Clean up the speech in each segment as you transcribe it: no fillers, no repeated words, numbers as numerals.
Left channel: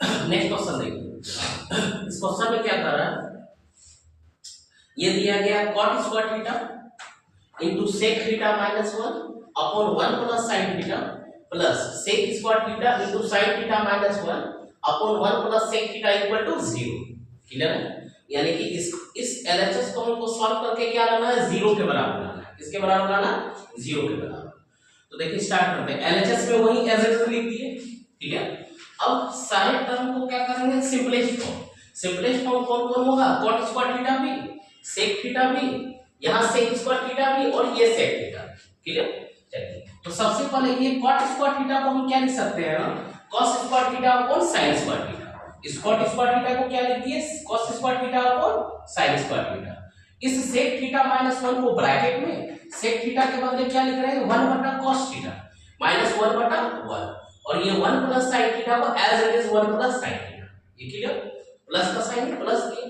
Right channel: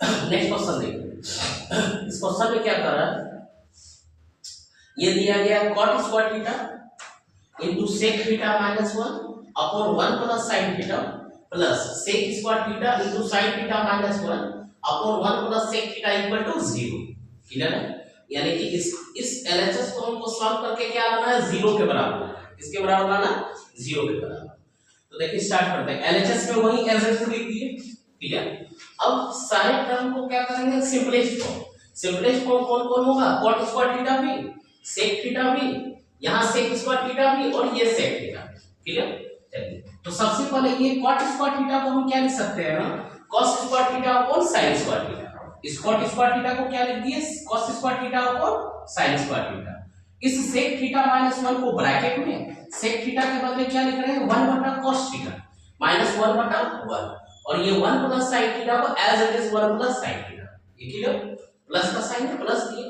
Next question देखिए। इस question में क्या कर रहा है, ये दिया गया cot square theta into sec theta minus 1 upon 1 plus sin theta plus sec square theta into sin theta minus 1 upon 1 plus sec theta equal to 0। Clear है? यानी कि इस LHS को हमको सॉल्व करके क्या लाना है, 0 के बराबर लाना है। किसके बराबर लाना? 0 के बराबर। तो देखिए स्टार्ट करते हैं। LHS में वही एज इट इज लिख दिए, ठीक है। अब सारे टर्म को क्या करेंगे, सिंपलेस्ट फॉर्म। सिंपलेस्ट फॉर्म कौन कौन होगा, cot स्क्वायर थीटा भी, sec थीटा भी, यहां sec स्क्वायर थीटा भी और ये sec थीटा। क्लियर? चलिए तो सबसे पहले ये cot स्क्वायर थीटा को हम क्या लिख सकते हैं ना, cos square theta upon sin square theta. इस cot स्क्वायर थीटा को क्या लिख दिए, cos square theta upon sin square theta. इस sec थीटा माइनस 1 को ब्रैकेट में sec थीटा के बदले क्या लिख रहे हैं, 1 बटा cos थीटा माइनस 1 बटा 1, और ये 1 प्लस sin थीटा को as it is 1 plus sin theta. ये क्लियर? प्लस का साइन प्लस किए,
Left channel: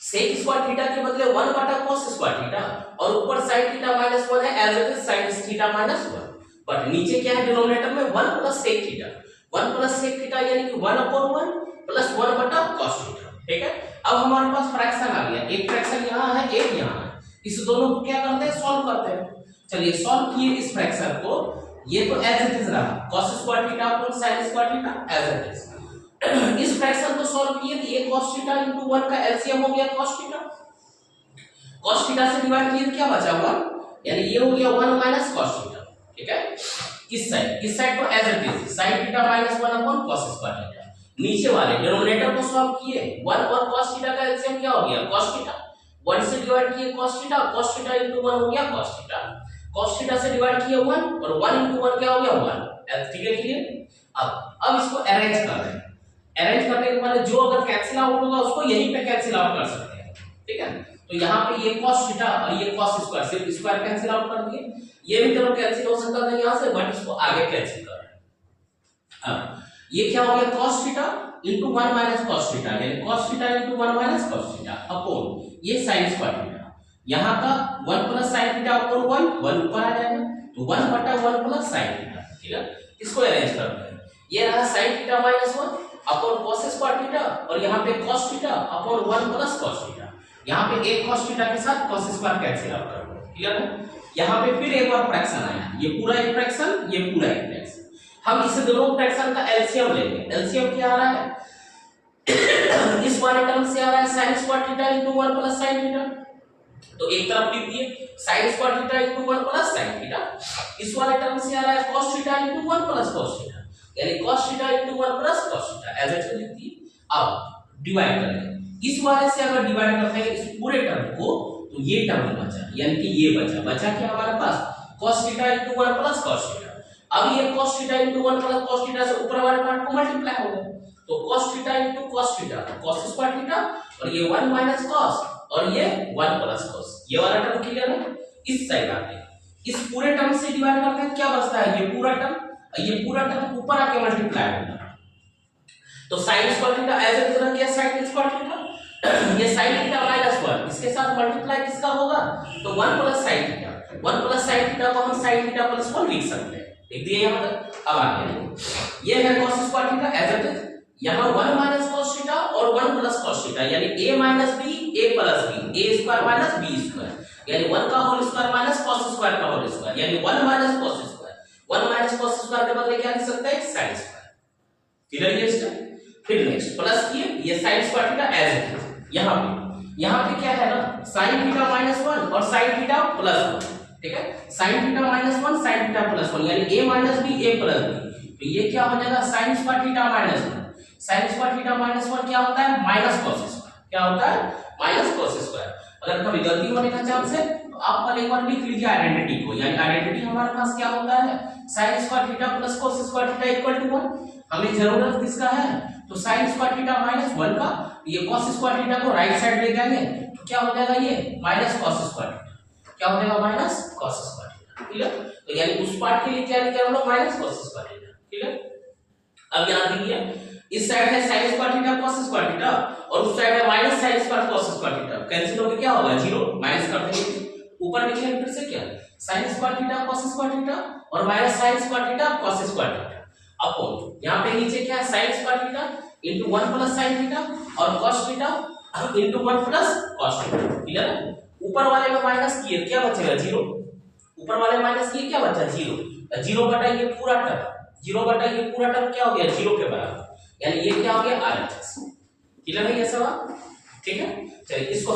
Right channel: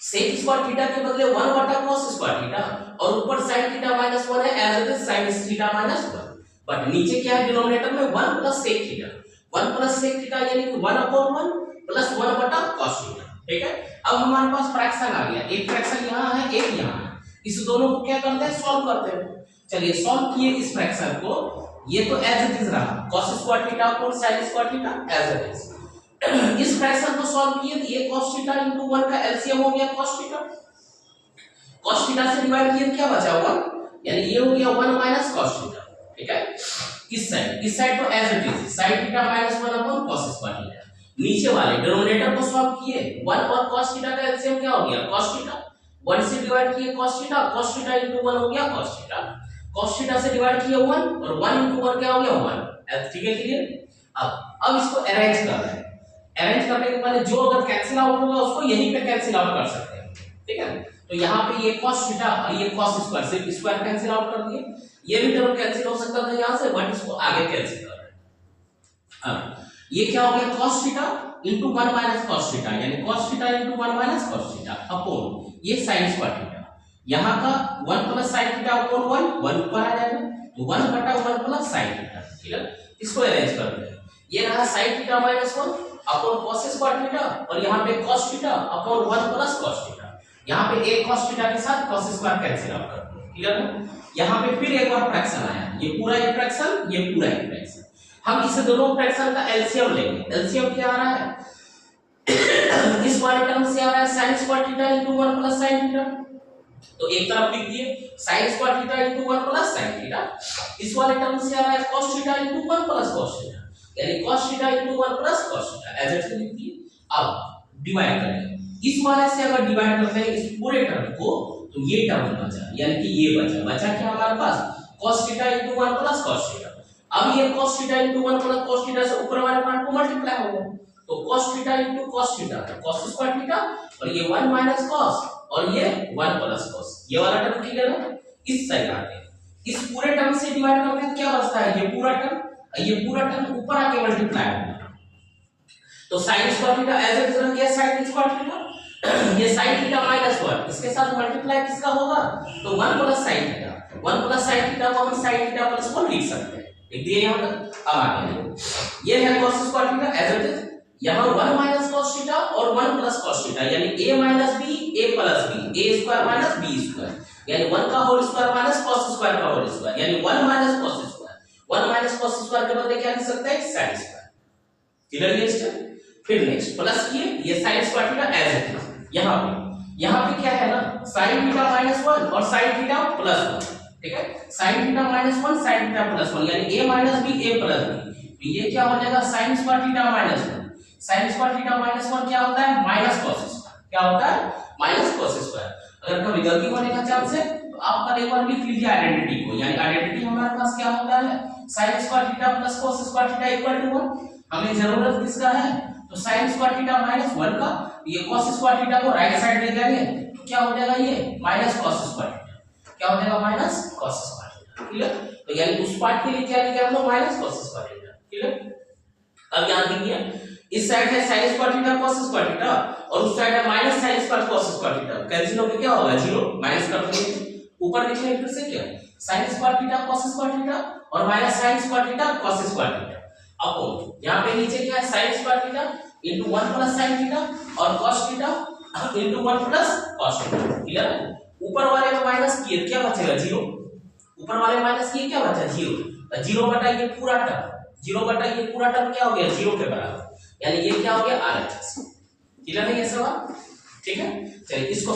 sec स्क्वायर थीटा के बदले 1 बटा cos स्क्वायर थीटा और ऊपर sin थीटा माइनस 1 है as it is sin theta minus 1, but नीचे क्या है डिनोमिनेटर में 1 plus sec theta. 1 plus sec theta यानी कि 1 अपॉन 1 प्लस 1 बटा cos थीटा। ठीक है, अब हमारे पास फ्रैक्शन आ गया, एक फ्रैक्शन यहां है एक यहां है, इस दोनों को क्या करते हैं, सॉल्व करते हैं। चलिए सॉल्व किए इस फ्रैक्शन को, ये तो एज इट इज रहा cos square theta upon sin square theta as it is. इस फ्रैक्शन को सॉल्व किए तो ये cos थीटा इनटू 1 का एलसीएम हो गया cos थीटा। cos थीटा से डिवाइड किए तो क्या बचा 1, यानी ये हो गया 1 माइनस cos थीटा। ठीक है, इस साइड को as it is sin theta minus 1 upon cos square theta. नीचे वाले डिनोमिनेटर को सॉल्व किए 1 और cos थीटा का एलसीएम क्या हो गया cos थीटा। 1 से डिवाइड किए cos थीटा इनटू 1 हो गया cos थीटा। cos थीटा से डिवाइड किए 1 और 1 इनटू 1 क्या हो गया 1। ठीक है क्लियर? अब इसको अरेंज कर रहे हैं। अरेंज करने के बाद जो अगर कैंसिल आउट होगा उसको यहीं पे कैंसिल आउट कर सकते हैं। ठीक है, तो यहाँ पे ये cos थीटा और ये cos स्क्वायर, सिर्फ स्क्वायर कैंसिल आउट कर दिए, ये भी टर्म कैंसिल हो सकता था यहाँ से, बट इसको आगे कैंसिल कर रहे हैं। ये क्या हो गया cos theta into 1 minus cos theta, यानी cos theta into 1 minus cos theta upon ये sin स्क्वायर थीटा। यहाँ का 1 प्लस sin थीटा अपॉन 1 ऊपर आ जाएगा, तो 1 बटा 1 प्लस sin थीटा। क्लियर? इसको अरेंज करते हैं। ये रहा sin theta minus 1 upon cos square theta और यहाँ पे cos theta upon 1 plus cos theta. यहाँ पे एक cos थीटा के साथ cos स्क्वायर कैंसिल आउट कर दो। क्लियर है? यहाँ पे फिर एक बार फ्रैक्शन आया, ये पूरा एक फ्रैक्शन, ये पूरा एक फ्रैक्शन। हम इस दोनों फ्रैक्शन का एलसीएम लेंगे। एलसीएम क्या आ रहा है, इस वाले टर्म से आ रहा है sin square theta into 1 plus sin theta, तो एक तरफ लिख दिए sin square theta into 1 plus sin theta. इस वाले टर्म से आ रहा है cos theta into 1 plus cos theta, यानी cos theta into 1 plus cos theta as it is लिख दिए। अब डिवाइड करें, इस वाले से अगर डिवाइड करते हैं इस पूरे टर्म को, तो ये टर्म बचा, यानी कि ये बचा क्या हमारे पास cos theta into 1 plus cos theta. अब ये cos theta into 1 plus cos theta से ऊपर वाले पार्ट को मल्टीप्लाई होगा, तो cos theta into cos theta cos square theta और ये 1 माइनस cos और ये 1 प्लस cos। ये वाला टर्म क्लियर है? इस साइड आते हैं, इस पूरे टर्म से डिवाइड करते हैं, क्या बचता है ये पूरा टर्म ऊपर आके मल्टीप्लाई होगा, तो sin square theta as it is रह गया sin स्क्वायर थीटा। ये sin थीटा माइनस 1 इसके साथ मल्टीप्लाई किसका होगा, तो 1 plus sin theta. 1 plus sin theta को हम sin थीटा प्लस 1 लिख सकते हैं। लिख दिए यहां तक। अब आगे ये है cos square theta as it is, यहां 1 माइनस cos थीटा और 1 प्लस cos थीटा, यानी a minus b a plus b, a square minus b square, यानी 1 का whole square minus cos square का होल स्क्वायर, यानी 1 minus cos square. 1 minus cos square के बदले क्या लिख सकते हैं, sin स्क्वायर। क्लियर है इसका? फिर नेक्स्ट प्लस किए ये sin square theta as it is, यहां पे क्या है ना sin थीटा माइनस 1 और sin थीटा प्लस 1। ठीक है, sin theta minus 1 sin theta plus 1, यानी a minus b a plus b, तो ये क्या हो जाएगा sin square theta minus 1। sin square theta minus 1 क्या होता है, माइनस cos स्क्वायर। क्या होता है, माइनस cos स्क्वायर। अगर कभी गलती होने का चांस है तो आप एक बार लिख लीजिए आइडेंटिटी को, यानी आइडेंटिटी हमारे पास क्या होता है, sin square theta plus cos square theta equal to 1। हमें जरूरत किसका है, तो sin स्क्वायर थीटा माइनस 1 का, ये cos स्क्वायर थीटा को राइट साइड ले जाएंगे तो क्या हो जाएगा, ये माइनस cos स्क्वायर थीटा। क्या हो जाएगा, minus cos square theta. Clear? तो यानी उस पार्ट के लिए क्या लिखा हम लोग, minus cos square theta. Clear? अब यहां देखिए इस साइड है sin square theta cos square theta और उस साइड है minus sin square cos square theta, cancel होके क्या होगा 0, माइनस कर देंगे, ऊपर लिखेंगे फिर से क्या sin square theta cos square theta और minus sin square theta cos square theta. Upon यहाँ पे नीचे क्या है sin square theta into 1 plus sin theta और cos theta into 1 plus cos theta. Clear है? ऊपर वाले में माइनस किए क्या बचेगा 0, ऊपर वाले में माइनस किए क्या बचा 0, 0 बटा ये पूरा टर्म, 0 बटा ये पूरा टर्म क्या हो गया 0 के बराबर, यानी ये क्या हो गया RHS। क्लियर है ये सवाल? ठीक है, चलिए इसको